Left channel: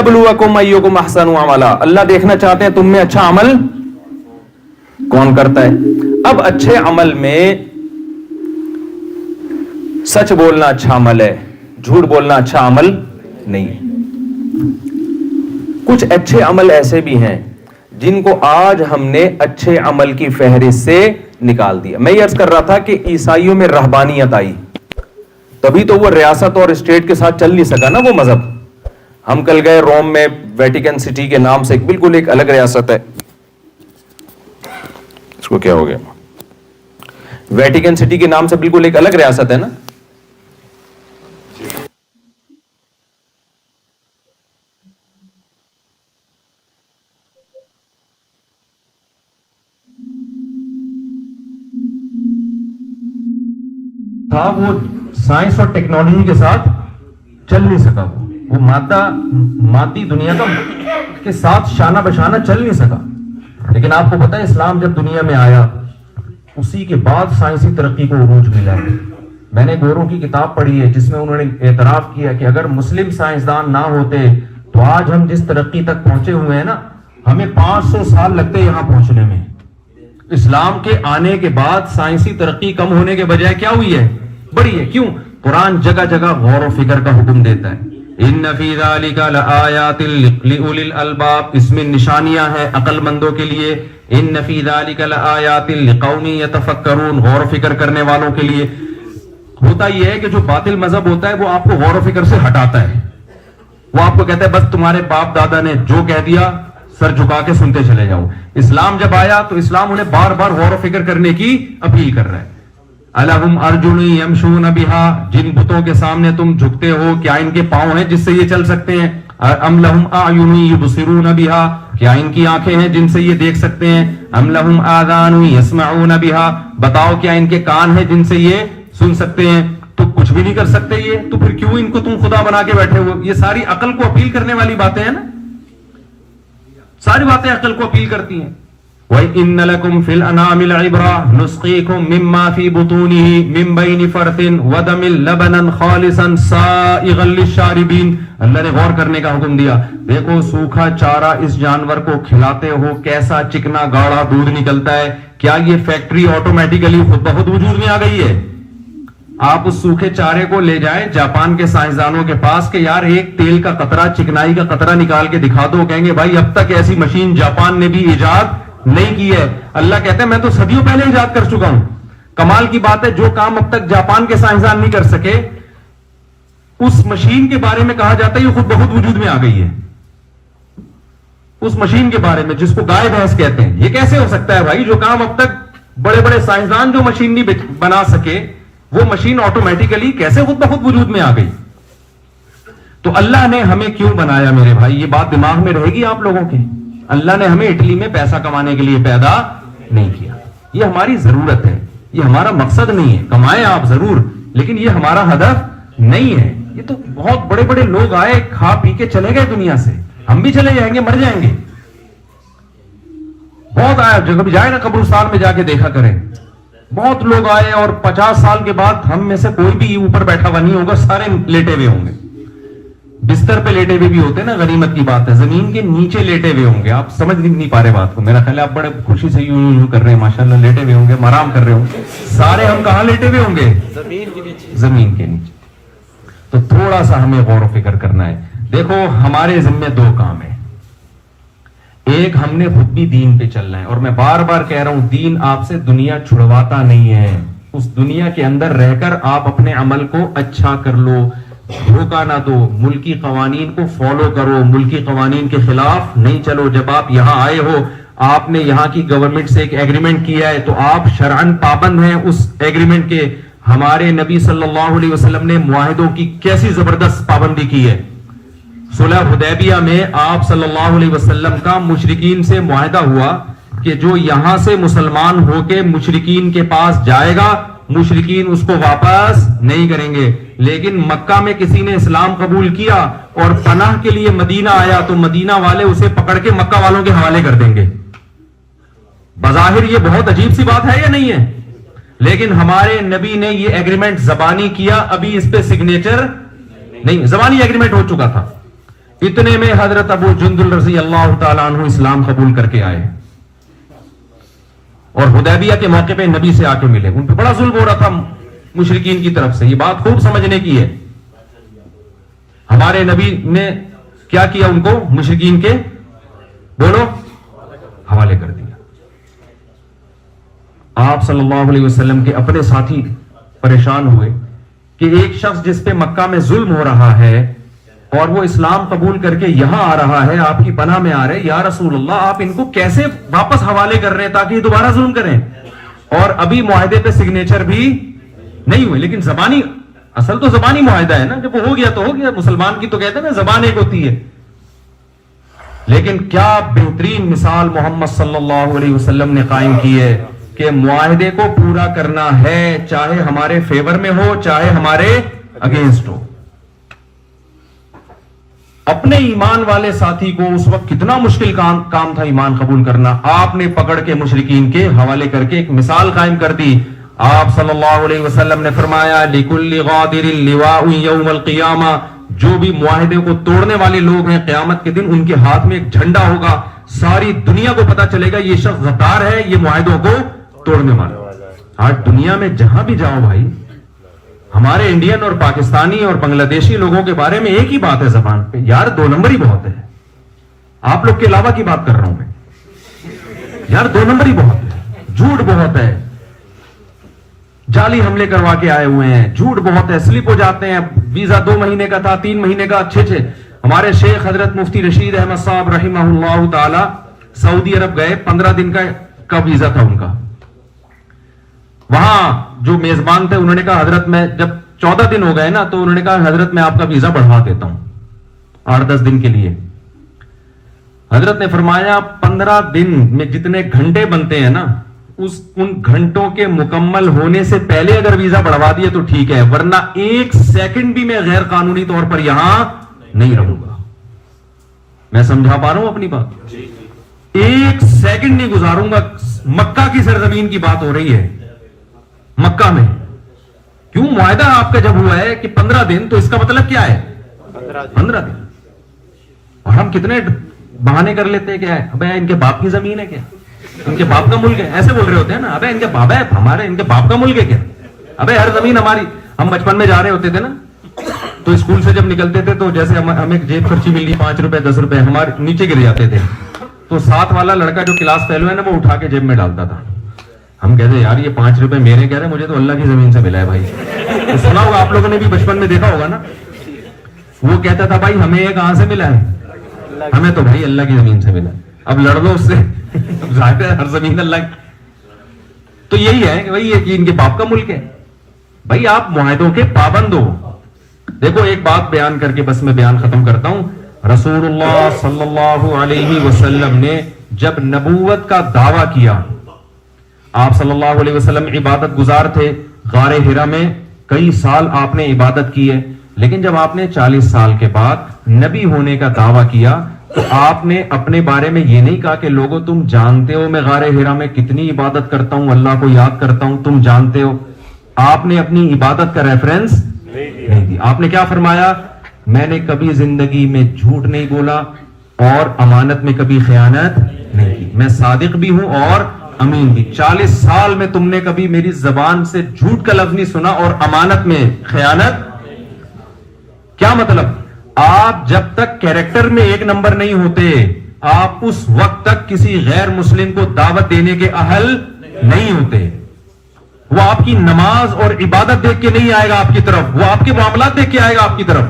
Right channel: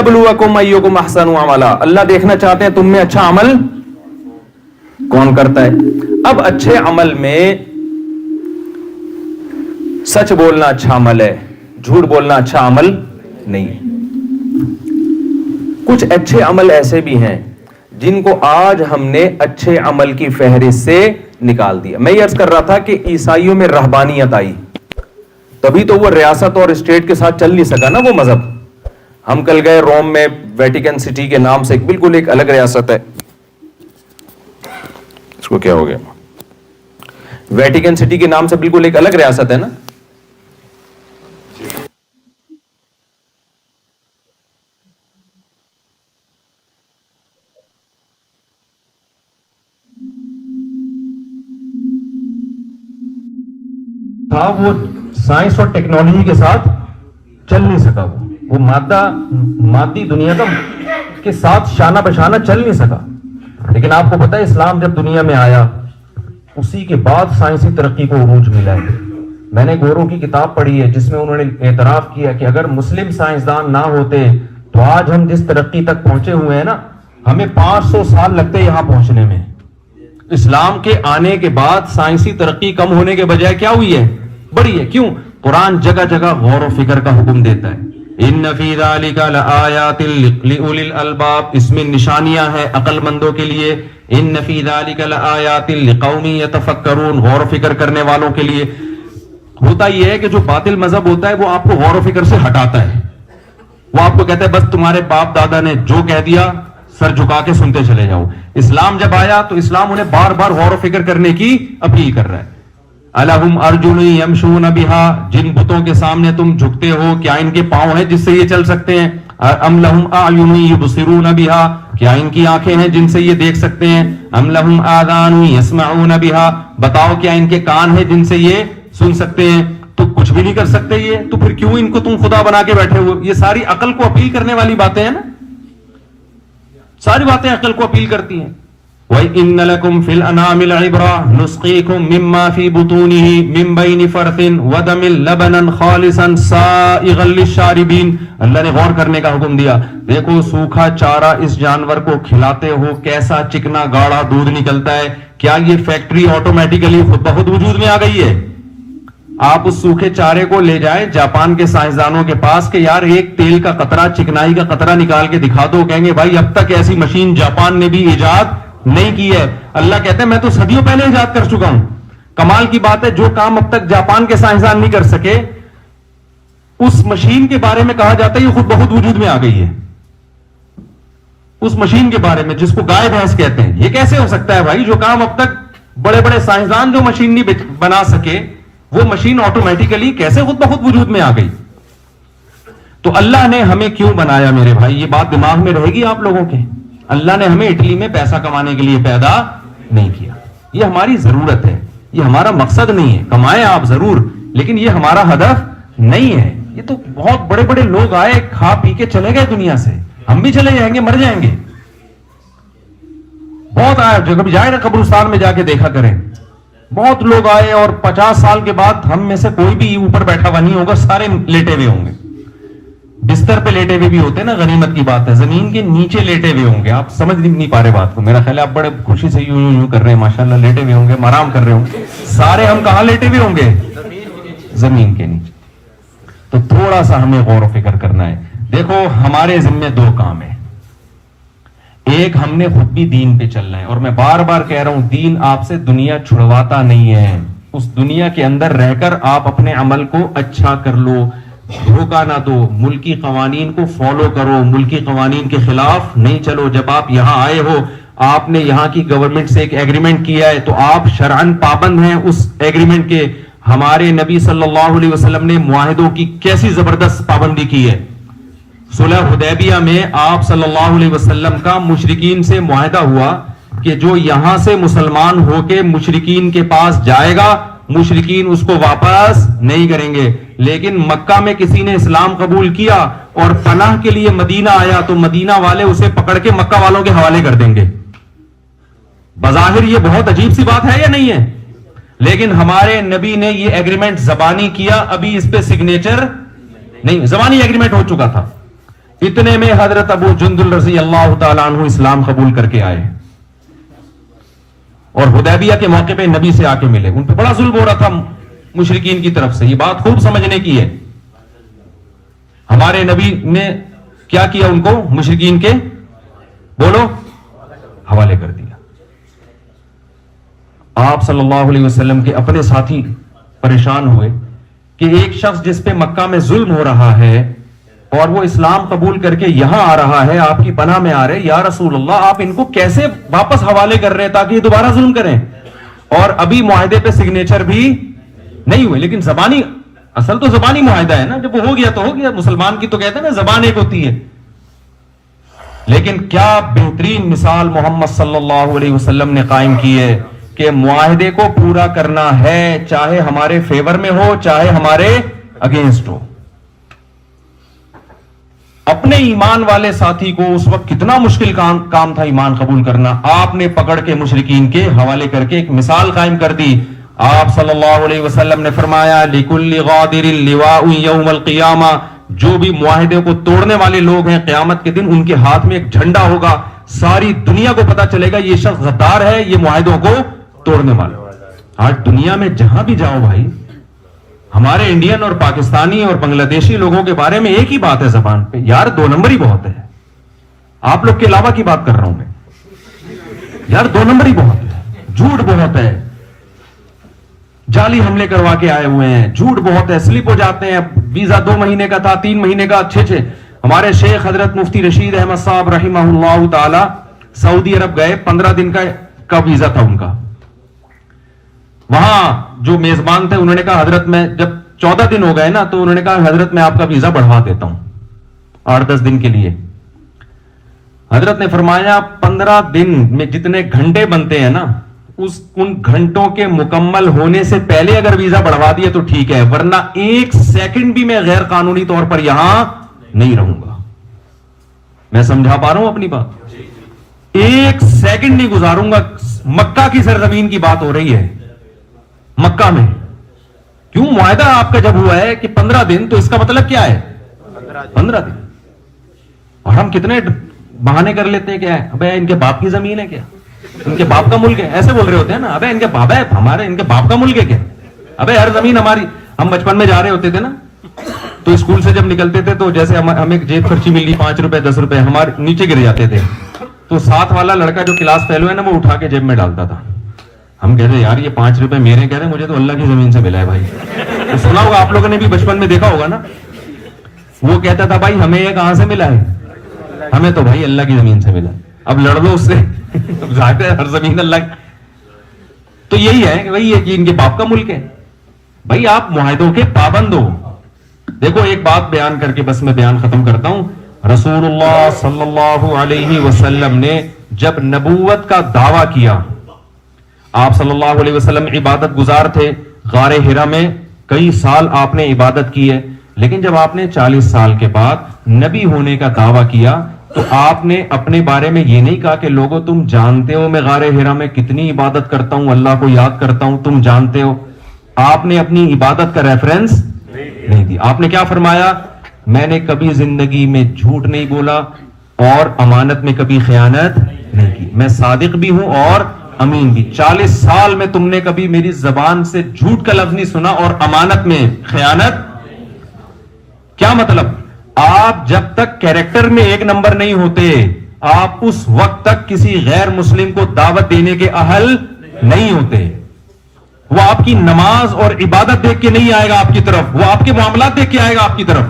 لِيَبْلُوَكُمْ أَيُّكُمْ أَحْسَنُ عَمَلًا, اللہ دیکھنا چاہتے ہیں تم میں اچھا عمل کون کرتا ہے. اب اچھے عمل میں سچ بولنا اچھا عمل ہے, جھوٹ بولنا اچھا عمل نہیں ہے. کچھ اچھے عمل ایسے بھی ہیں جن کو آج ہم نے اچھے عمل کی فہرست سے نکال دیا. میں یہ عرض کر رہا تھا کہ عیسائیوں میں رہبانیت آئی, تبھی تو وہ ریاست اور اسٹیٹ کے ساتھ چل نہیں سکا نا وہ مذہب. ہم کل گئے روم میں, ویٹیکن سٹی کے نام سے بالکل ایک الگ ریاست ہے, اس کو کیا ہو گیا, ویٹیکن سٹی کے نام سے بالکل ایک الگ ریاست ہے نا. وہ سائنس اور ٹیکنالوجی کے ساتھ چل نہیں سکا, وہ مادی دنیا کے ساتھ شانہ بشانہ چل نہیں سکا. لیکن آپ کو پتا ہے اسلام جب دنیا میں آیا اسی کے بعد سائنسی ترقی کو عروج ملا ہے. میں نے گورو کی کتاب پڑھی ہے جس میں انہوں نے اعتراف کیا کہ اگر مسلم سائنسدان نہ ہوتے تو آج ہم جس ترقی تک پہنچے ہوئے ہیں نا, ہمیں 500 سال لگتے یہاں پہنچنے میں. اسلام کے آنے کے بعد سائنسی ترقی کم ہونے کے بجائے کیا ہوئی ہے, بڑی ہے. کیوں؟ قرآن جگہ جگہ غور و فکر کا حکم دیتا ہے. ان فی ذالک لآیات لأولی الالباب, اس میں نشانیاں ہیں عقل مندوں کے لیے. ان فی ذالک لآیات لقوم یتفکرون, غور و فکر کرنے والوں کے لیے. ہوتا یہ ہے کہ جو باطل مذہب ہوتا ہے وہ آپ کو غور و فکر سے ہٹاتا ہے. وہ آپ کو کہتا ہے بس تمہارے باپ دادا نے جو کہہ دیا سر جھکا کے سنتے چلے جاؤ. اسلام جب آیا تو اسلام انہیں بار بار غور و فکر کرنے کی اپیل کر رہا ہے. الہم ارجل یمشون بہا, جن بتوں کے سامنے تم جھکتے ہو کیا ان کے پاؤں ہیں جس سے یہ چل سکتے ہیں؟ ام لہم اعین یبصرون بہا, کیا ان کی آنکھیں ہیں جن سے یہ دیکھ سکتے ہیں؟ ام لہم آذان یسمعون بہا, بتاؤ کیا ان کے کان ہیں جن سے یہ سن سکتے ہیں؟ تو کچھ بھی نہیں کر سکتے یہ, تو پھر کیوں ان کو تم خدا بنا کے بیٹھے ہو؟ یہ ساری عقل کو اپیل کرنے والی باتیں ہیں نا, ساری باتیں عقل کو اپیل کرتی ہیں. وَإِنَّ لَكُمْ فِي الْأَنْعَامِ لَعِبْرَةً نُسْقِيكُم مِّمَّا فِي بُطُونِهِ مِن بَيْنِ فَرْثٍ وَدَمٍ لَبَنًا خَالِصًا سَائِغًا لِّلشَّارِبِينَ. اللہ نے غور کرنے کا حکم دیا. دیکھو سوکھا چارہ اس جانور کو کھلاتے ہو, کیسا چکنا گاڑا دودھ نکلتا ہے. کیا یہ فیکٹری آٹومیٹیکلی خود بخود وجود میں آ گئی ہے؟ آپ اس سوکھے چارے کو لے جائے جاپان کے سائنسدانوں کے پاس کہ یار ایک تیل کا قطرہ, چکنائی کا قطرہ نکال کے دکھا دو, کہیں گے بھائی اب تک ایسی مشین جاپان نے بھی ایجاد نہیں کی ہے. اللہ کہتے ہیں میں تو صدیوں پہلے ایجاد کر چکا ہوں. کمال کی بات ہے جو کام اب تک جاپان کے سائنسدان نہیں کر سکے اس مشین کے بارے میں کہا جاتا ہے یہ خود بخود وجود میں آ گئی ہے. اس مشین کے بارے میں جس کو گائے بھینس کہتے ہیں, یہ کیسے ہو سکتا ہے بھائی؟ جو کام اب تک بڑے بڑے سائنسدان جو مشین نہیں بنا سکے وہ مشین آٹومیٹیکلی کیسے خود بخود وجود میں آ گئی؟ تو اللہ نے ہمیں کیوں بنایا میرے بھائی؟ یہ بات دماغ میں رہے گی آپ لوگوں کے. اللہ نے ہمیں اٹلی میں پیسہ کمانے کے لیے پیدا نہیں کیا. یہ ہماری ضرورت ہے, یہ ہمارا مقصد نہیں ہے. کمائیں آپ ضرور, لیکن یہ ہمارا ہدف نہیں ہے. یہ تو بہت بڑے بڑے لوگ آئے, کھا پی کے چلے گئے دنیا سے, ہم بھی چلے جائیں گے, مر جائیں گے. بہت آئے, جب جائے نا قبرستان میں جا کے دیکھا کریں, بہت لوگ آئے اور 50 سال کے بعد ہم میں سے کوئی بھی اوپر بیٹھا ہوا نہیں ہوگا, سارے لیٹے ہوئے ہوں گے. بستر پہ لیٹے ہوئے بھی ہوتے ہیں نا, غنیمت کی بات ہے. زمین کے نیچے لیٹے ہوئے ہوں گے. آپ سمجھ نہیں پا رہے بات کو, میرا خیال ہے آپ بڑے خوشی سے یوں کر رہے ہیں, ماشاءاللہ لیٹے ہوئے ہوں گے, آرام کر رہے ہوں گے. سارے ہم کہاں لیٹے ہوئے ہوں گے؟ زمین کے نیچے. تو تھوڑا سا ہمیں غور و فکر کرنا ہے. دیکھو ہمارے ذمہ 2 کام ہیں. ایک, ہم نے خود بھی دین پہ چلنا ہے, اور میں بار بار کہہ رہا ہوں دین آپ سے دنیا چھڑواتا نہیں ہے. اس دنیا کے اندر رہ کر آپ اپنے عمل کو اچھا کر لو, دھوکہ نہ دو, ملکی قوانین کو فالو کرو, ملکی قوانین کے خلاف نہیں چلو. جب آپ یہاں آئے ہو, آپ نے یہاں کی گورنمنٹ سے ایک ایگریمنٹ کیا ہے تو آپ شرعن پابند ہیں اس ایگریمنٹ کے. ہمارے نبی صلی اللہ علیہ وسلم نے معاہدوں کی کیسی زبردست پابندی کی ہے. صلح حدیبیہ میں آپ صلی اللہ علیہ وسلم کا مشرکین سے معاہدہ ہوا کہ جو یہاں سے مسلمان ہو کے مشرکین کے پاس جائے گا, مشرکین اس کو واپس نہیں کریں گے. لیکن مکہ میں کسی نے اسلام قبول کیا اور پناہ کے لیے مدینہ آیا تو مدینہ والے اسے پکڑ کے مکہ والوں کے حوالے کر دیں گے. بظاہر یہ بہت عجیب سی بات ہے یا نہیں ہے؟ لیکن ہمارے نبی نے یہ ایگریمنٹ زبانی کیا, ابھی اس پہ سگنیچر نہیں, زبانی ایگریمنٹ ہو چکا تھا. اتنے میں حضرت ابو جندل رضی اللہ تعالیٰ عنہ اسلام قبول کر کے آئے اور حدیبیہ کے موقع پہ نبی سے آ کے ملے. ان پہ بڑا ظلم ہو رہا تھا مشرکین کی طرف سے. یہ بات خوب سمجھنے کی ہے. ہمارے نبی نے کیا کیا؟ ان کو مشرکین کے بولو حوالے کر دیا. آپ صلی اللہ علیہ وسلم کے اپنے ساتھی پریشان ہوئے کہ ایک شخص جس پہ مکہ میں ظلم ہو رہا ہے اور وہ اسلام قبول کر کے یہاں آ رہا ہے، آپ کی پناہ میں آ رہے، یا رسول اللہ آپ ان کو کیسے واپس حوالے کر رہے ہیں تاکہ یہ دوبارہ ظلم کریں؟ اور ابھی معاہدے پہ سگنیچر بھی نہیں ہوئے. لیکن زبانی، اصل تو زبانی معاہدہ ہے نا، جب وہ ہو گیا تو ہو گیا. مسلمان کی تو کہتے ہیں نا زبان ایک ہوتی ہے. لیکن کیا بہترین مثال محمد صلی اللہ علیہ وسلم نے قائم کی ہے کہ معاہدے کو پورا کرنا ہے، چاہے ہمارے فیور میں ہو چاہے ہمارے اگینسٹ ہو. اپنے ایمان والے ساتھی کو اس وقت کتنا مشکل کام تھا ایمان قبول کرنا، آپ نے پکڑ کے مشرکین کے حوالے کر کے ایک مثال قائم کر دی. آپ صلی اللہ علیہ وسلم نے فرمایا لِكُلِّ غَادِرٍ لِوَاءٌ يَوْمَ الْقِيَامَةِ، جو بھی معاہدے کو توڑنے والے لوگ ہیں قیامت کے دن ان کے ہاتھ میں ایک جھنڈا ہوگا. ساری دنیا کو پتا چلے گا یہ شخص غدار ہے، یہ معاہدوں کو توڑنے والا. آج دنیا میں جہاں بھی جاؤ بھائی، ہمارے انڈین اور پاکستانی اور بنگلہ دیشی لوگوں کے بارے میں ایک ہی بات ہے زبان پہ، یار دو نمبر ہی بہت ہے. آپ لوگ کے علاوہ کی بات کر رہا ہوں میں، یار دو نمبر ہی بہت ہے، جھوٹ بہت ہے، جعلی حملے کروا کے آئے ہوئے ہیں، جھوٹ بہت ہے، سلپ ہو جاتے ہیں. ویزا 2 مہینے کا تھا، 3 مہینے کا، اچھے ہمارے شیخ حضرت مفتی رشید احمد صاحب رحمہ اللہ تعالی سعودی عرب گئے، 15 دن کا ویزا تھا ان کا. وہاں جو میزبان تھے انہوں نے کہا حضرت میں جب 14 دن ہو گئے نا تو انہوں نے کہا حضرت میں آپ کا ویزا بڑھوا دیتا ہوں 8-10 دن کے لیے. حضرت نے فرمایا 15 دن میں جتنے گھنٹے بنتے ہیں نا ان گھنٹوں کے مکمل ہونے سے پہلے اگر ویزا بڑھوا دیا تو ٹھیک ہے، ورنہ 1 سیکنڈ بھی میں غیر قانونی طور پر یہاں نہیں رہوں گا. میں سمجھا پا رہا ہوں اپنی بات؟ 1 سیکنڈ نہیں گزاروں گا. مکہ کی سرزمین کی بات ہو رہی ہے، مکہ میں. کیوں؟ معاہدہ آپ کا جب ہوا ہے کہ 15 دن تو اس کا مطلب کیا ہے 15 دن. اور ہم کتنے بہانے کر لیتے ہیں کہ ابے ان کے باپ کی زمین ہے کیا، ان کے باپ کا ملک ہے، ایسے بول رہے ہوتے ہیں نا. ابے ان کے بابا ہے ہمارے، ان کے باپ کا ملک ہے کیا، ابے ہر زمین ہماری. ہم بچپن میں جا رہے ہوتے تھے نا تو اسکول سے جب نکلتے تھے تو جیسے ہمیں جیب خرچی مل رہی 5 روپے 10 روپے ہمارے نیچے گر جاتے تھے تو ساتھ والا لڑکا جو کلاس فیلو ہے نا وہ اٹھا کے جیب میں ڈالتا تھا. ہم کہتے یار یہ 5 روپے میرے، کہہ رہے مجھے تو اللہ کی زمین سے ملا ہے بھائی. تو سنا ہوگا آپ لوگوں نے بھی بچپن میں دیکھا ہوگا نا. وہ کہتا تھا بھائی ہمیں یہ کہاں سے ملا ہے، ہمیں تو بھائی اللہ کی زمین سے ملا ہے. اب لڑ لو اس سے، ظاہر ہے ہر زمین اللہ کی. تو یہی ہے وہی ہے کہ ان کے باپ کا ملک ہے. بھائی آپ معاہدوں کے پابند ہو. دیکھو ایک بات بیان کر کے بس میں بیان ختم کرتا ہوں. رسول اللہ صلی اللہ علیہ وسلم نے جب نبوت کا دعویٰ کیا، آپ صلی اللہ علیہ وسلم عبادت گزار تھے. غار حرا میں کئی سال آپ نے عبادت کی ہے، لیکن جب آپ نے 40 سال کے بعد نبی ہونے کا دعویٰ کیا تو آپ نے اپنے بارے میں یہ نہیں کہا کہ لوگوں تم جانتے ہو میں غار حرا میں کتنی عبادت کرتا ہوں، اللہ کو یاد کرتا ہوں، تم جانتے ہو. آپ نے اپنی عبادت کا ریفرنس نہیں دیا. آپ نے کیا فرمایا؟ میں نے کبھی زندگی میں جھوٹ نہیں بولا اور امانت میں کبھی خیانت نہیں کی. میں صادق بھی ہوں اور امین بھی. 40 سال میں تم نے کبھی میری زبان سے جھوٹ کا لفظ نہیں سنا اور امانت میں خیانت. کیا مطلب؟ آپ جب تک کیریکٹر میں 1 نمبر نہیں ہوتے آپ اس وقت تک کسی غیر مسلم کو دعوت دینے کے اہل نہیں ہوتے. وہ آپ کی نماز اور عبادت دیکھ کے نہیں آئے گا آپ کی طرف، وہ آپ کے معاملات دیکھ کے آئے گا آپ کی طرف.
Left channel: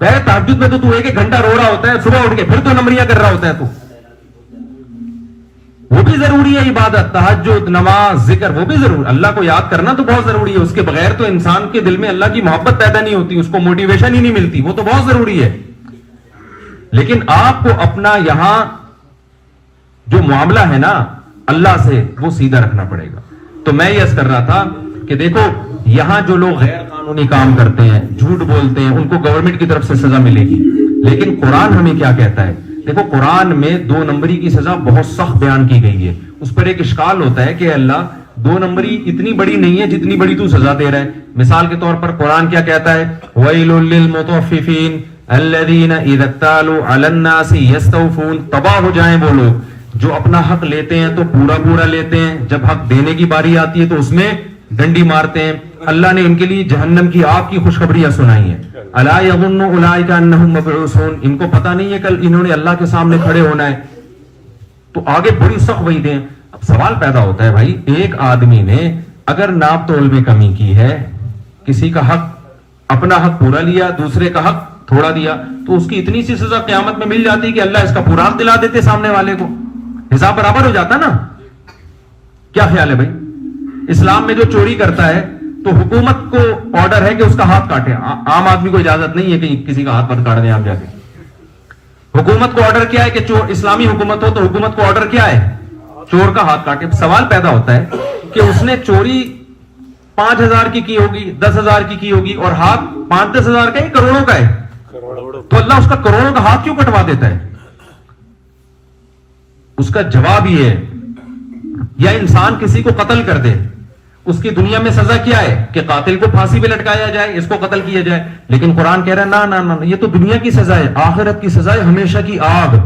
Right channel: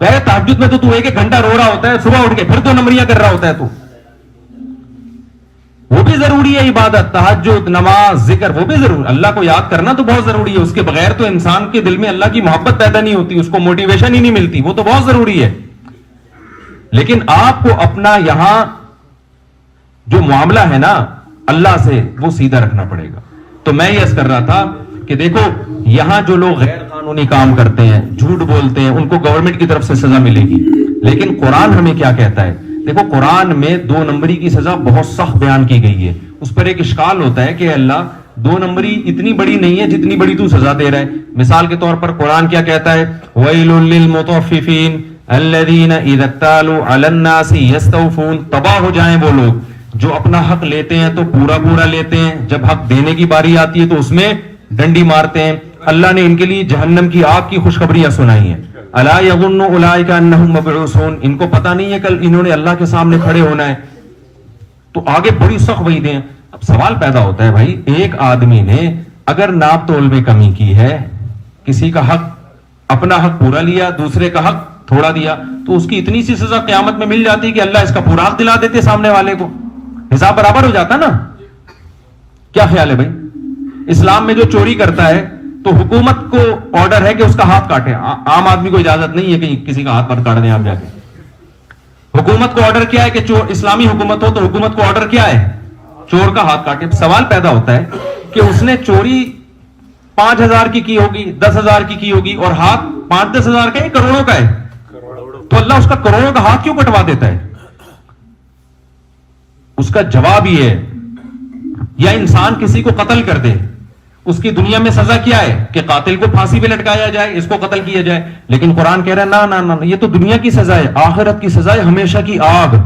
پہلے تہجد میں تو 1 گھنٹہ رو رہا ہوتا ہے، صبح اٹھ کے پھر 2 نمبریاں کر رہا ہوتا ہے. تو وہ بھی ضروری ہے، عبادت، تہجد، نماز، ذکر وہ بھی ضروری. اللہ کو یاد کرنا تو بہت ضروری ہے. اس کے بغیر تو انسان کے دل میں اللہ کی محبت پیدا نہیں ہوتی، اس کو موٹیویشن ہی نہیں ملتی. وہ تو بہت ضروری ہے. لیکن آپ کو اپنا یہاں جو معاملہ ہے نا اللہ سے وہ سیدھا رکھنا پڑے گا. تو میں یہ عرض کر رہا تھا کہ دیکھو یہاں جو لوگ غیر قانونی کام کرتے ہیں، جھوٹ بولتے ہیں، ان کو گورنمنٹ کی طرف سے سزا ملے گی. لیکن قرآن ہمیں کیا کہتا ہے؟ دیکھو قرآن میں 2 نمبری کی سزا بہت سخت بیان کی گئی ہے. اس پر ایک اشکال ہوتا ہے کہ اللہ 2 نمبری اتنی بڑی نہیں ہے جتنی بڑی تو سزا دے رہا ہے. مثال کے طور پر قرآن کیا کہتا ہے؟ وَيْلٌ لِّلْمُطَفِّفِينَ. الذین اذا اکتالوا علی الناس یستوفون، تباہ ہو جائیں وہ لوگ جو اپنا حق لیتے ہیں تو پورا پورا لیتے ہیں، جب حق دینے کی باری آتی ہے تو اس میں ڈنڈی مارتے ہیں۔ اللہ نے ان کے لیے جہنم کی آگ کی خوشخبریاں سنائی ہیں۔ الا یظن اولئک انہم مبعوثون، ان کو پتہ نہیں ہے کل انہوں نے اللہ کے سامنے کھڑے ہونا ہے۔ تو آگے بڑی سخت وعیدیں ہیں۔ اب سوال پیدا ہوتا ہے بھائی، ایک آدمی نے اگر ناپ تول میں کمی کی ہے، کسی کا حق، اپنا حق پورا لیا، دوسرے کا حق تھوڑا دیا، تو اس کی اتنی سی سزا قیامت میں مل جاتی کہ اللہ اس کا پورا حق دلا دیتے سامنے والے کو، حساب برابر ہو جاتا نا۔ کیا خیال ہے بھائی؟ اسلام میں جو چوری کرتا ہے تو حکومت کو آرڈر ہے کہ اس کا ہاتھ کاٹے، عام آدمی کو اجازت نہیں ہے کہ کسی کا ہاتھ کاٹ دیں آپ جا کے۔ حکومت کو آرڈر کیا ہے کہ اسلامی حکومت ہو تو حکومت کو آرڈر کیا ہے؟ چور کا ہاتھ کاٹے۔ سوال پیدا ہوتا ہے کہ اس نے چوری 5,000 کی ہوگی، 10,000 کی ہوگی، اور ہاتھ 5-10 ہزار کا ہے، کروڑوں کا ہے، تو اللہ اس کا کروڑوں کا ہاتھ کیوں کٹوا دیتا ہے؟ اس کا جواب یہ ہے، یا انسان کسی کو قتل کر دے، اس کی دنیا میں سزا کیا ہے کہ قاتل کو پھانسی پہ لٹکایا جائے، اس کو قتل کیا جائے، لیکن قرآن کہہ رہا ہے نا نا نا، یہ تو دنیا کی سزا ہے، آخرت کی سزا ہے ہمیشہ کی آگ۔